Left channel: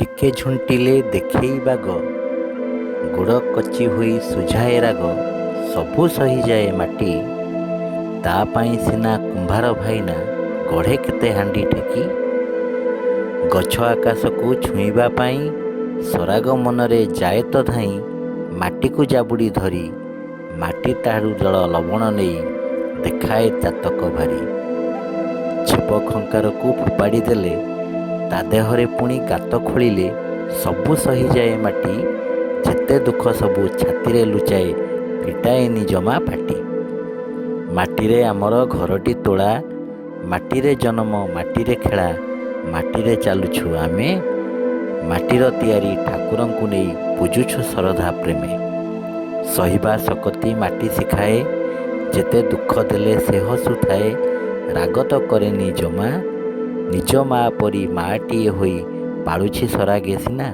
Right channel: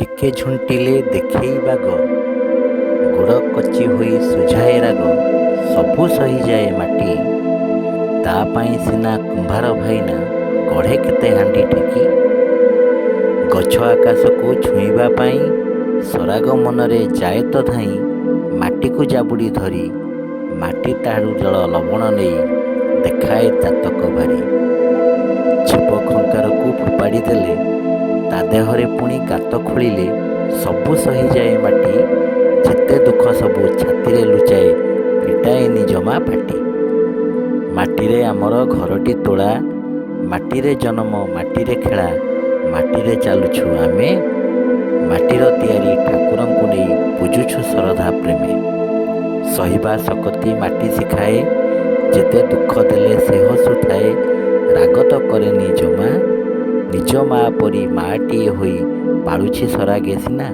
ଟିକେ ଝୁଣ୍ଟିଲେ ଦେଖେଇ ବାଗ, ଗୋଡ଼ କଚି ହୋଇ ସୁଝାଏ ରାଗ, ସବୁ ସହିଯାଏ ମାଟି। ତା ପାଇଁ ସିନା କୁମ୍ଭାର ଭାଇନା ଗଢ଼େ କେତେ ହାଣ୍ଡି ଠେକି। ଗଛ ଆକାଶକୁ ଛୁଇଁବା ପାଇଁ ସରାଗ ମନରେ ଯାଏ ତ ଧାଇଁ, ମାଟିକୁ ଜାବୁଡ଼ି ଧରି ମାଟି ତାହାରୁ ଜଳ ଲବଣ ନେଇ ଦେଖାଏ ଚାତକ ଭାରି। ଛେପ ଖଙ୍କାରକୁ ଫୋପାଡ଼ି ଦେଲେ ତା ଦେହରେ ପୁଣି ଗାତ ଖୋଳିଲେ ସବୁ ସହିଯାଏ ମାଟି। ଯେତେ ଦୁଃଖ ସବୁ ଛାତିରେ ଲୁଚାଏ ଫିଟାଏନି ଜମା ପାଟି। ମାଟିରେ ଆମର ଘରଟି ତୋଳା, ମାଟିରେ ଜନମ ମାଟିରେ ଖେଳା, ମାଟିରେ ଚାଲୁଛୁ ଆମେ, ମାଟିର ତିଆରି ଠାକୁରଙ୍କୁ ନେଇ ପୂଜୁଛୁ ଶ୍ରଦ୍ଧା ପ୍ରେମେ। ସହିବା ଶକତି ମାଟି ଶିଖାଏ, ଯେତେ ଦୁଃଖ ଦେଲେ ସେ ହସୁଥାଏ, ରାଗ ତ କରେନି ଜମା। ନିଜ ମା ପରି ମାଟିଏ ହୋଇ ପାଳୁଛି ସରାଗେ ସିନା।